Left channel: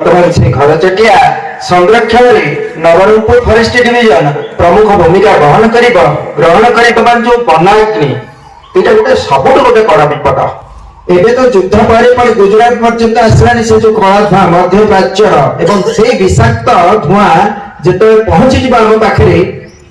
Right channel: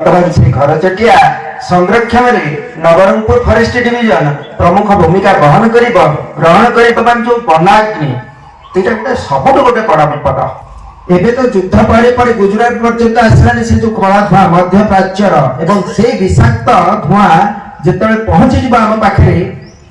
ବର୍ତ୍ତମାନ ସେ ଘରଚଟିଆ ସଂରକ୍ଷଣରେ ନବରଙ୍ଗପୁର ଫରେଷ୍ଟ ଡିଭିଜନ ପ୍ରମୁଖ ଭୂମିକା ଗ୍ରହଣ କରିଥିବା ଯୋଉ ବନାଗ୍ନି ଏଇଟା ସବୁଠୁ ଗୋଟେ ବଡ ବିପଦ। ଏବେ ତ ଯୁଦ୍ଧ ପରେ ପରେ ଗୁଜରାଟ ପର୍ଯ୍ୟନ୍ତ ଆସିଲାଣି ସେ ଯୋଉ କଳା ଧୂଆଁ ମଧ୍ୟପ୍ରାଚ୍ୟର ଏବଂ ସେଇ ବିଷାକ୍ତ ଧୂଆଁ ଯେତେବେଳେ ପହଞ୍ଚିଯିବ ଆମ ପାଖରେ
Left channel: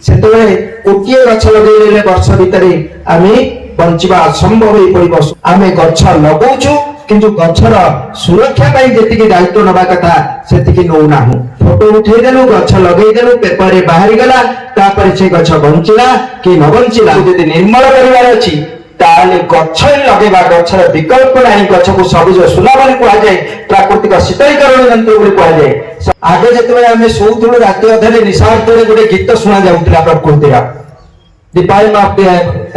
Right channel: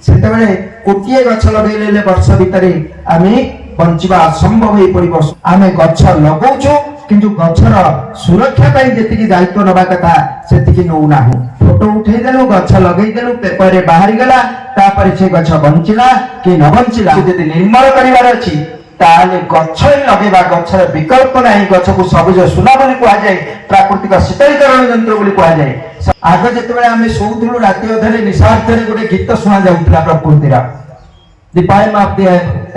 ସେତେବେଳେ କୋଟିଏ ଗଛ ଲଗେଇଲେ ବର୍ଷ ଭିତରେ ଆମେ ବଞ୍ଚିବା ଅସମ୍ଭବ ହେଇ ପଡିବ। ଆମେ ଗଛ ଲଗାଉଛୁ କିନ୍ତୁ ଗଛର ସୁରକ୍ଷା ପାଇଁ ଯେତିକି ଦାୟିତ୍ୱ ନେବା କଥା ସେତିକି ନଉନାହୁଁ। ଫଟୋ ଉଠେଇଦେଲୁ, ଗଛ ଲଗେଇଦେଲୁ, ପେପରରେ ବାହାରିଗଲା, ତାପରେ ସେ ଗଛ ବଞ୍ଚିଲା କି ନ ବଞ୍ଚିଲା ଯଦି ନିର୍ମଳ କରିବାର ଅଛି ତାହେଲେ ଗଛ ହିଁ ଲଗେଇବା। ଗଛର ବିକଳ୍ପ ନାହିଁ। ଗଛକୁ ସବୁଜ ସୁଲଭ ବୋଲି କୁହାଯାଏ, ପ୍ରାକୃତିକ ଶୀତଳୀକରଣ ଯନ୍ତ୍ର ବୋଲି କୁହାଯାଏ। ଆଗ ଯେତେବେଳେ ଆମେ ଶୋଉଥିଲୁ ରାତି ଅଧରେ ନିଶାର୍ଥରେ ଗୋଟେ ଗୀତ ଶୁଣା ଯାଉଥିଲା ପ୍ରକୃତିର, the poem of the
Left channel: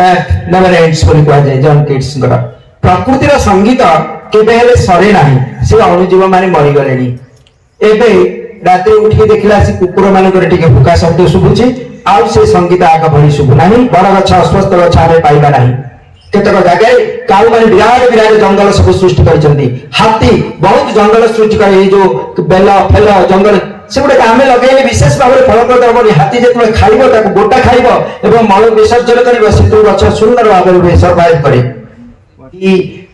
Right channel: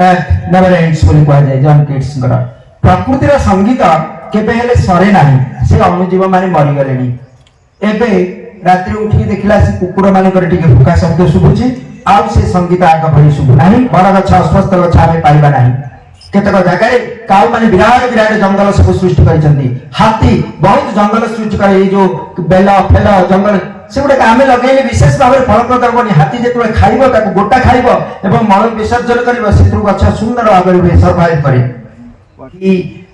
earth never ends ବୋଲି କୁହାଯାଏ ଜନ୍ କିଟ୍ସଙ୍କର। ପ୍ରକୃତିର ସଙ୍ଗୀତ କେବେ ହେଲେ ସରେ ନାହିଁ। ସେ ଅଣୁଜୀବ ମାନେ ମରିଗଲେଣି। ଏବେ ରାତିରେ ଉଠିକି ଦେଖିଲା ସେ କୁକୁର ମାନଙ୍କର ଟିକେ ଭୁକା ଶବ୍ଦ ଶୁଭୁଛି, ଆଉ ସେ ସଙ୍ଗୀତ ଆଗ ଭଳି ଶୁଭୁ ନାହିଁ। ବଡ ଗଛ ଅଶ୍ୱସ୍ଥ ଗଛ ଆମେ ପାଇବା ନାହିଁ। କେତେକ ଜାଗାରେ କାଉ ମାନେ ବିରାଟ ଜଙ୍ଗଲ ସବୁ ସୃଷ୍ଟି କରିଛନ୍ତି। ହାତୀ ବହୁତ ଜଙ୍ଗଲ ସୃଷ୍ଟି କରି ଏଇ ଯୋଉ ବେଲ ଫେଲ ଜଙ୍ଗଲ ସେଗୁଡାକ ଆମେ ଲଗେଇଲେ ବିଶେଷ ଭାବରେ ଫଳପ୍ରଦ ହବନି। ହାତୀ ଯେତେବେଳେ ଖାଇବ ତାକୁ ଗୋଟା ଖାଇବ ଏବଂ ମଳ ବିସର୍ଜନ କରିବ, ସେଥିରୁ ଗଛ ସୁନ୍ଦର ଭାବରେ ସର୍ଭାଇଭ କରେ।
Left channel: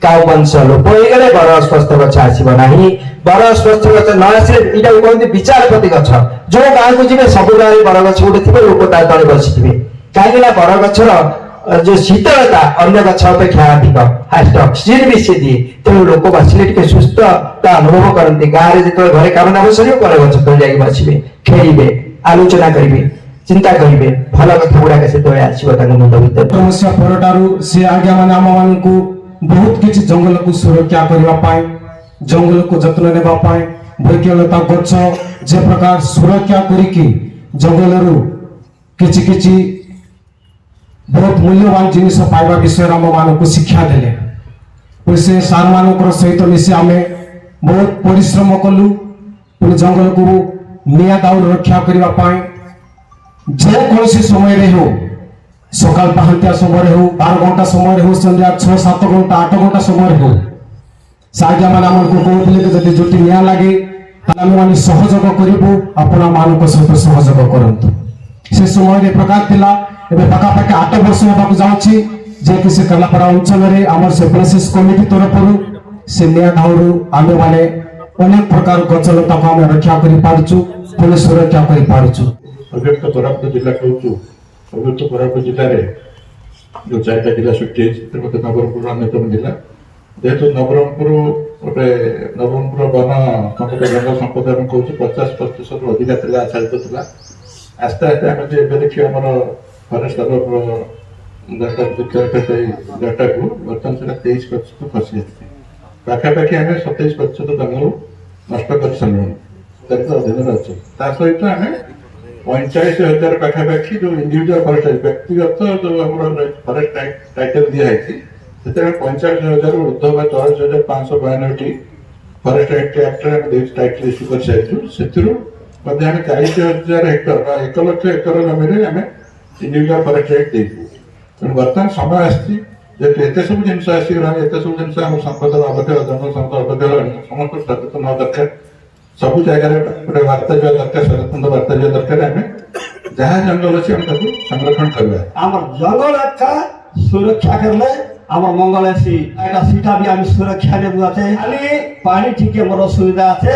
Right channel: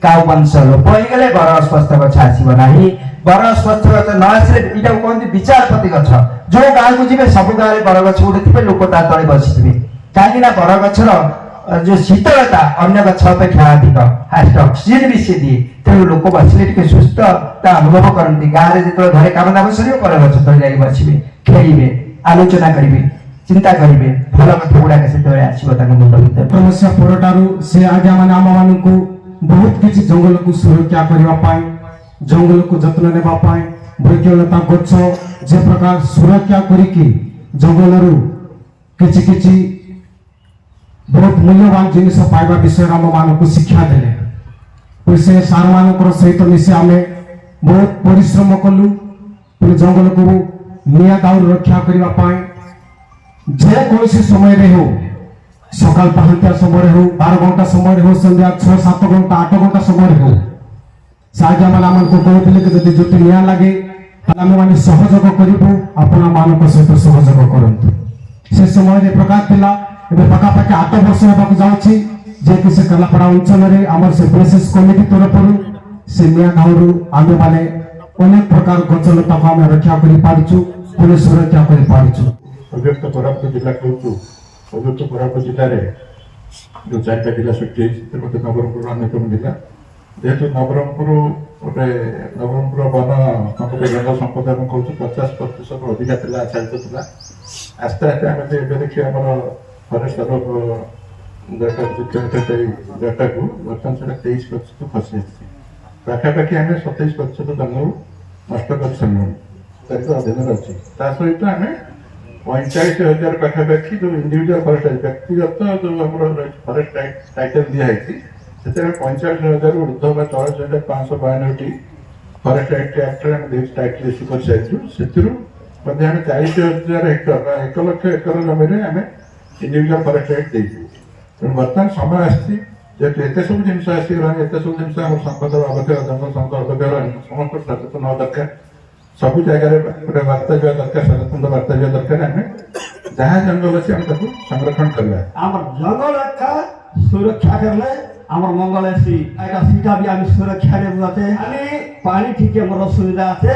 କାଉ ବଂଶ ଲୋପ ହେଇଗଲେ ବର ଅଶ୍ୱସ୍ଥ ଗଛ ଆସିବ ନାହିଁ। ବର ଅଶ୍ୱସ୍ଥ ଗଛ ନ ଆସିଲେ ଏଇଟାକୁ କହନ୍ତି ବିଚାରପତି ଗଛ। ଯୋଉ ଗାଁକୁ ଯିବେ ସବୁ ଗାଁରେ ବର ଗଛ ଗୋଟେ ଥିବ, ଲୋକ ତା ତଳେ ବସିଥିବେ। କାହିଁକି ନା ବର ଗଛର ଯୋଉ ଶୀତଳତା ଅନ୍ୟ ଗଛ ଅପେକ୍ଷା ଅଧିକ, ହାଷ୍ଟ ଅକ୍ସିଜେନ ବି ସେ ଦିଏ। ତେଣୁ ଲୋକ ବସିଲେ ଟିକେ ସୁସ୍ଥତା ଅନୁଭବ କରନ୍ତି। ଗାଁରେ ଯେତେବେଳେ ଘରେ କାମ ଦାମ ସରିବ ପରେ ଗଛ ତଳେ ଯାଇକି ବସିବେ, ଖେଳିବେ, ଆଲୋଚନା କରିବେ, ଚିନ୍ତା କରିବେ। ଭଲ କଥା ଗୁଡାକ ସେତେବେଳେ ଆସିବ ତାଙ୍କ ମୁଣ୍ଡ ଭିତରେ। ସମସ୍ୟା ପରଠାରୁ ସେ ଆଜ୍ଞା ମାନେ ଆମ ମାନଙ୍କୁ ବହୁତ କିଛି ଜଙ୍ଗଲକୁ ସୁରକ୍ଷା କରିବା ପାଇଁ, ଜଙ୍ଗଲକୁ ଯତ୍ନ ନେବା ପାଇଁ ବୈଜ୍ଞାନିକ ଗଛ ଯେ ପ୍ରକାର ସୁରକ୍ଷା କରିକି ଜଙ୍ଗଲରୁ କିଛି ବହୁତ ମୂଲ୍ୟବାନ ଜିନିଷ ପାଇବା ବିଷୟରେ ଆମ ମାନଙ୍କୁ ଶିକ୍ଷା ଦେଲେ। ସେ ସାର୍ ମାନଙ୍କର ସହିତ ମିଶି ଆମେ ବହୁତ ପରିଶ୍ରମ କଲୁ। ଜଙ୍ଗଲକୁ ନିଆଁ ଦାଉରୁ ରକ୍ଷା କରିବା ପାଇଁ ଯେକୌଣସି ସମୟରେ ହଉ, ସକାଳ ପାହାନ୍ତିଆ ସମୟରେ ହଉ, 12 ଘଣ୍ଟା ସମୟରେ ହଉ, ସନ୍ଧ୍ୟା 6-7 ଘଣ୍ଟା 8 ଘଣ୍ଟା ସମୟରେ ହଉ, ସାହାଯ୍ୟ ମାନେ ଆମକୁ କହୁଥିଲେ କି ଯଦି ଜୁଟି ନିଆଁ ଲାଗେ ତାହେଲେ ଆମେ ମାନେ ସହଯୋଗ କରିବୁ, ଆପଣ ମାନଙ୍କ ସହିତ ସହଯୋଗ କରନ୍ତୁ। ସେ ସମୟରେ ପ୍ରକାର ଥିଲା। ଏବେ ପାଖାପାଖି 8 ବର୍ଷ ହେବାକୁ ଯାଉଛି ଯେକି ସେ କଲାପଡ଼ା ଅଞ୍ଚଳରେ ଆମର ସେ ପ୍ରୋସେସ କମିଟି ତରଫରୁ ସେ ନିଆଁ ଦାଉରୁ ଆମେ ମାନେ ଅନେକ ପ୍ରକାର ଗଛ ଲତାକୁ ଆମେ ରକ୍ଷା କରିପାରୁଛୁ, ପୁଣି ସୁରକ୍ଷା କରିପାରୁଛୁ। ଅବଶ୍ୟ କୋରାପୁଟ ଜିଲ୍ଲା କହୁଛୁ, ଅବଶ୍ୟ କୋରାପୁଟ ଜିଲ୍ଲାରେ ଯେଉଁ 4ଟା ଜିଲ୍ଲା ସୃଷ୍ଟି ହେଇଛି ସେଥିରେ ମଧ୍ୟ ନବରଙ୍ଗପୁର ଅନ୍ୟତମ ଜିଲ୍ଲା। ଯେହେତୁ ନବରଙ୍ଗପୁର ବନ ସମ୍ପଦ ଜଙ୍ଗଲ ସମ୍ପଦ ଆମେ କହୁଛୁ 50% ଅଧିକା ଥିଲା, ଆଚ୍ଛାଦିତ ଥିଲା। ଆସ୍ତେ ଆସ୍ତେ ଆମେ ଯେ ଏବେ ଦେଖିବା ଆମର ଫରେଷ୍ଟ ଡାଟାକୁ ବର୍ତ୍ତମାନ ସେଟା 23% ଖସି ଆସିଛି। ପାଖାପାଖି ଆମେ 27% ଜଙ୍ଗଲ ନଷ୍ଟ କରିସାରିଲୁଣି, ତାର ଅଧୀନରେ ଅଛି। ତା ସହିତ ଆମେ 45,000 ପାଖାପାଖି ଯୋଉ ଇଣ୍ଡିଭିଜୁଆଲ ଫରେଷ୍ଟ ବ୍ୟକ୍ତିଗତ ଯୋଉ ଆମର ଫରେଷ୍ଟ ଟାଇଟଲ ଦିଆହେଇଛି ସେଥିରେ 45,000 ଉର୍ଦ୍ଧ୍ୱ ବା 23,592ଟି ଫରେଷ୍ଟ ଆକ୍ଟରେ ଆମେ ଟାଇଟଲ ଇସ୍ୟୁ କରିସାରିଛୁ। ସେଥିରୁ ମଧ୍ୟ ଆମେ 40,000 ହେକ୍ଟର ବା 1 ଲକ୍ଷ ଏକର ଜମିରେ ଆମେ ଇଣ୍ଡିଭିଜୁଆଲ ଫରେଷ୍ଟ ରାଇଟ୍ ଦେଇଛୁ। ତେଣୁ ବର୍ତ୍ତମାନ ସମୟ ଆସିଛି, ଯେହେତୁ ଏତେ ସବୁ ଜିନିଷ ଆସିଗଲାଣି, ଏତେ ସବୁ ଜିନିଷ ଆମ ସମ୍ପଦ ଅବକ୍ଷୟ, ଜଙ୍ଗଲ ସମ୍ପଦ ଅବକ୍ଷୟ ହେଲାଣି, ସମସ୍ତ ସଚେତନ ହେବା ଦରକାର। ସବୁ ଜାଗାରେ ଗୋଟେ ବାର୍ତ୍ତା ଯିବା ଦରକାର, ସଚେତନ ବାର୍ତ୍ତା ଯିବା ଦରକାର। ଆମେ ଯାହା ଜଙ୍ଗଲ ଅଛି ଆମେ ତାକୁ ସଂରକ୍ଷଣ କରିବା। আমার জঙ্গল একটা সুরক্ষা করলে আমার মঙ্গল আছে, সেটা বি আমি সুরক্ষা নেব আছে। খালি পানি ঠিক আমার অসুবিধা আছে,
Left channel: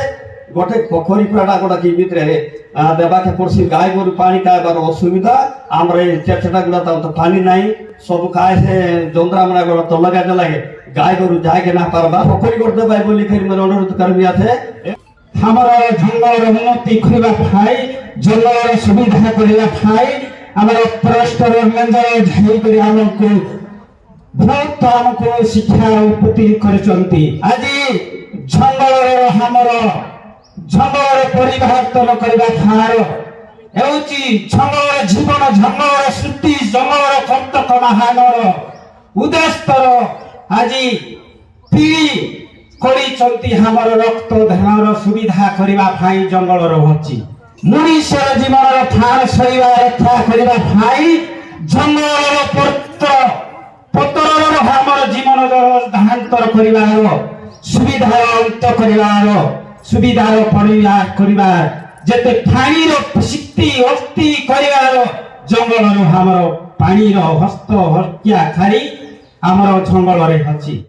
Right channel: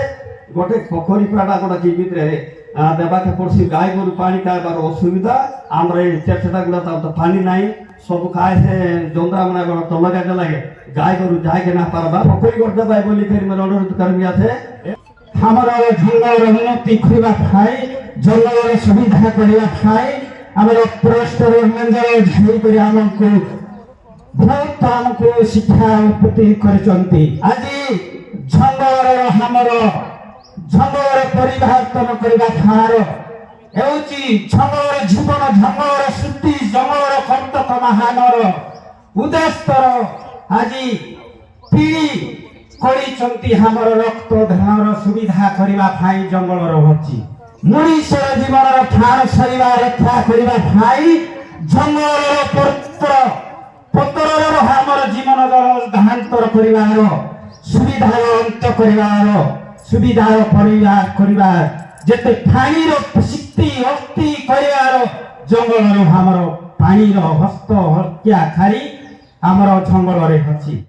গোটে পোখরী পুরাটা গোটা কি ভিতরে দেবাকে পড়ছি গাই গরু পানি খাইবার অসুবিধা। আমরা এই চেষ্টা গুলা তো পানি নাই, সব খায় সে যন্ত্রা আমরা তল গাড়তে লাগে, গাই গরু যাইকে না পারবা পোখরী করতে পাই বলি ফের মানে অনুরোধ করবি আছে। ଆମର ଜଙ୍ଗଲର ଉନ୍ନତି କରିବା ପାଇଁ, ଜଙ୍ଗଲର ସୁବିଧା କରିବା ପାଇଁ ଆମର ଫରେଷ୍ଟର ମେଞ୍ଜର ଯାଇକରି ଆମକୁ ବହୁତ ଆମକୁ ଶିକ୍ଷା ଉତ୍ପତ୍ତି କରିଛନ୍ତି। ଆଜି ଜଙ୍ଗଲର ଆମର ଜଙ୍ଗଲରେ ପରିବର୍ତ୍ତନ କରିବା ଠାର ହେଉଛି ଜଙ୍ଗଲର ଜୀବନ, ଜଙ୍ଗଲର ସୃଷ୍ଟି, ଜଙ୍ଗଲର କର୍ତ୍ତକ ମାହାନର ଉଦ୍ଦେଶ୍ୟର ଆଜି ପିଢ଼ି କରିଛନ୍ତି ଆମର ରକ୍ତ ଧାନର ସୁବିଧା କରିବା ପାଇଁ ଜଙ୍ଗଲ ରହୁଛି। ମଣିଷର ଜୀବନର ଠାର ସରିବା ରକ୍ଷା କରିବା ପାଇଁ ଜଙ୍ଗଲର ପତ୍ରର ଆମର ଜୀବନର ଦେହାନ୍ତର କରିବାର ସୁବିଧାର ଅନ୍ତ କରିବାର ସୁବିଧାର କରିବାର ଯେତେ ପାଣିର ସୃଷ୍ଟି ଅସ୍ତି କରିବାର ଜଙ୍ଗଲରେ ଆମର ପାଣିର ହସ୍ତ ହତ୍ୟା ଖାରି ଆମର ଜଙ୍ଗଲରେ ଅଛି।